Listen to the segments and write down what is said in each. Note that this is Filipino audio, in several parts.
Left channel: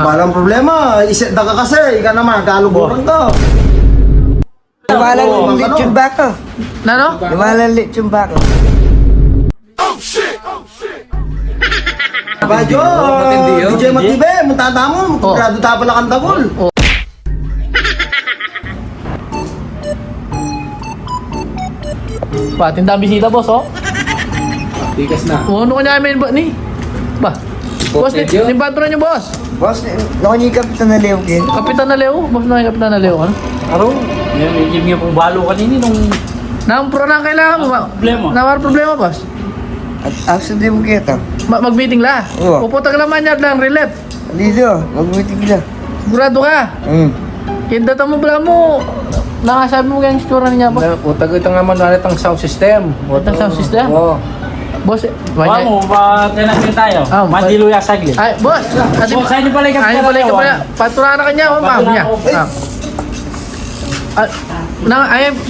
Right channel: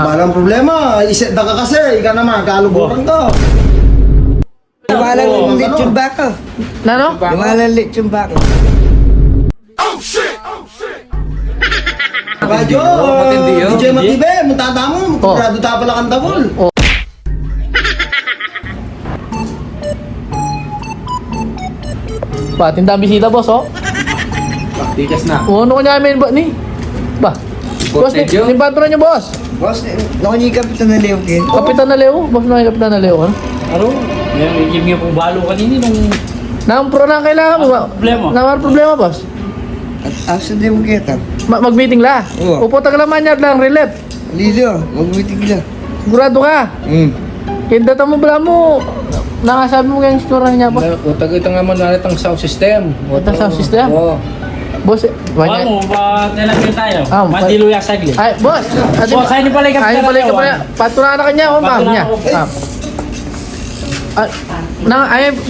Walang problema. Iset na ka kasi. Ika naman, kaluburan ka. Lumalang lechon baka. Ano? Lumalang lechon baka. Badyo, DJ Matibe, muntada mo. Grado ta pala kang tagol. Ba, tinda bisita boss, oh. Tigas na. Ano ka namin ba ni? Ba? Boss, ni patron niyo, boss. Boss, nakanyikap ito na liw kin. Kapitan na Leo, bakit na Kapitan na Leo? Aro, yung nga pong balo kanini nung Pro na ang kailangan mo ba? problema. Problema, boss. At asa di mo kita. Mag-meeting la. Oo. Upo tag laman niya lang relief. Dito, mag-meeting ka. Sigurado ka. Kinda mo bala mo. Nakasabi mo yung score niya po. Utag ito nga man itong sound system. Itong sound system? Oo. Boss, Wala mo, ba tinagin tayo? Ah, Madiluya saglit. ay, boss. Boss, sa'yo niyo pala yung Ay, kapitala balik ka Leon. pala. Patura na kanya, o ba? Patura Niya. ako.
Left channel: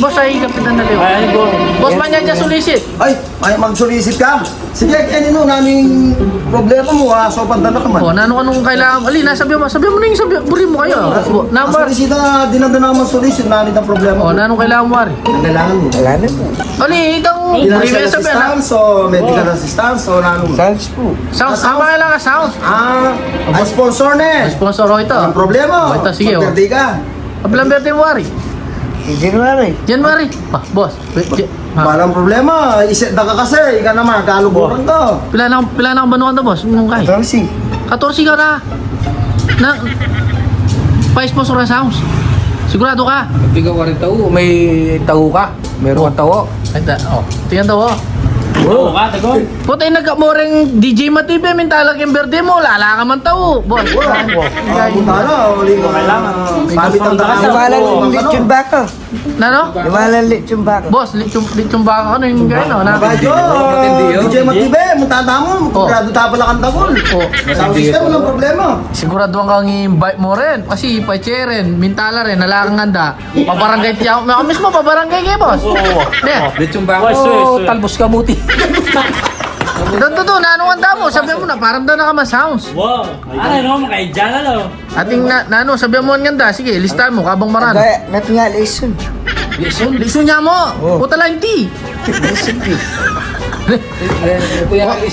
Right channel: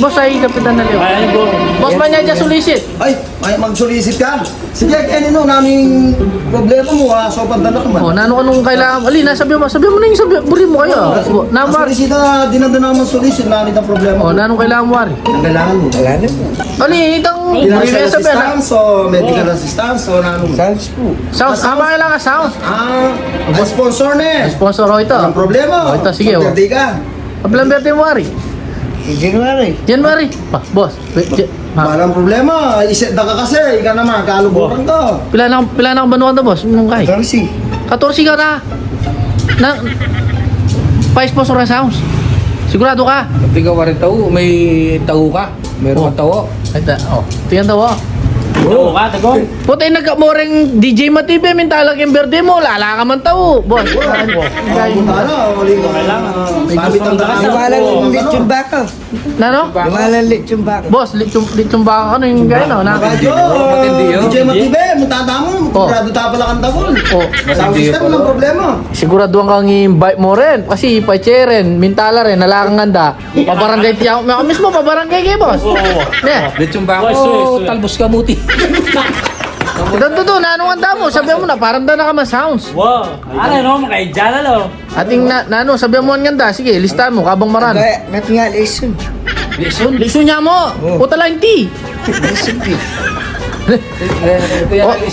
Boss, ay kapitan na Leo. Ay, go. Boss man niya solicit. Ay mag-solicit ka. Sige, kaya nino, naming problema mo ha. So, panda na ka man. O, nano ka nung kailangan. Alina, sabi mo na yung sabi. Buri mo kayo. Ang Number. solicit na, dinadala naman solicit, nanit ang problema O, mo. nano kailangan mo, Ari. Ang kailangan mo. Wala na po. Ano itang Financial assistance o medical assistance o nano mo. Sounds po. Sounds, tama ka lang, sounds. Ay sponsor na Sponsor ko ito. Ang problema. Ito, sige, oh. Pagperde ka. Kabilang birthday mo, Ari. January. January. Boss. Walang problema. Iset na ka kasi. Ika naman, kaluburan ka. Pila na ang banuan to, boss? Mong kay. 14. 14 ka na. Pa-sponsor na sounds. Sigurado ka? Tiga ka rin tao, may tao ka. Meron kang tao. Ay, tingnan daw, oh. Oo ka, tago. Puta yung nagkamoreng DJ Matibe, mintalag yung birthday mo, lala ka man tao. Boss. Punta na. Kailangan. Sabit ang daan. Lumalang lechon baka. Ano? Lumalang lechon baka. Boss, litsong baka ano yung gano'n? Badyo, Matindi yun. DJ Matibe, muntada mo. Grado ta pala kang tagol. Sound system, walang problema. Sigurado kang i-invite mo rin. Kasi rin, mintala rin, nalagang ganda. Pabarangay tiyak. Ako mismo, pabarangay kayo, boss. Lechong bako, talbos ka buti. Dito, nanong ang damo. Sabihan mo na, parang daw nakaman sounds. Wow. Ano no, makaidyan na lo. Ating nanong, sabihan mo ang ganda. Sige, listahan mo, kabang maran. Kaya, natin nga lechon. Listo niya mo. Puta lang tea.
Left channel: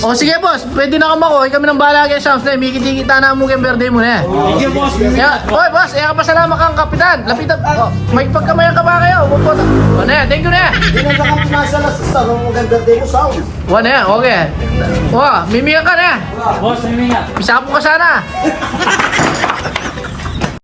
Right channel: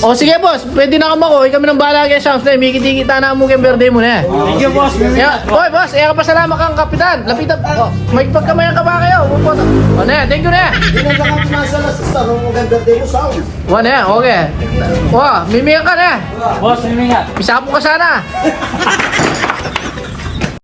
O sige boss, pwede na kamako. Kami nang bahala kayo sa flame. Ikiti-kita na mo kay birthday mo na. Thank you, boss. Oy boss, pasalamat kang kapitan. Lapitan. May pagkamayan ka ba kayo? Boss. Ano yan? Thank you na. Hindi na ka financial assistance. Ang maganda din mo sound. Ano yan? Okay. Mimiya ka na. Boss, may mingat. Pisapo ka sana.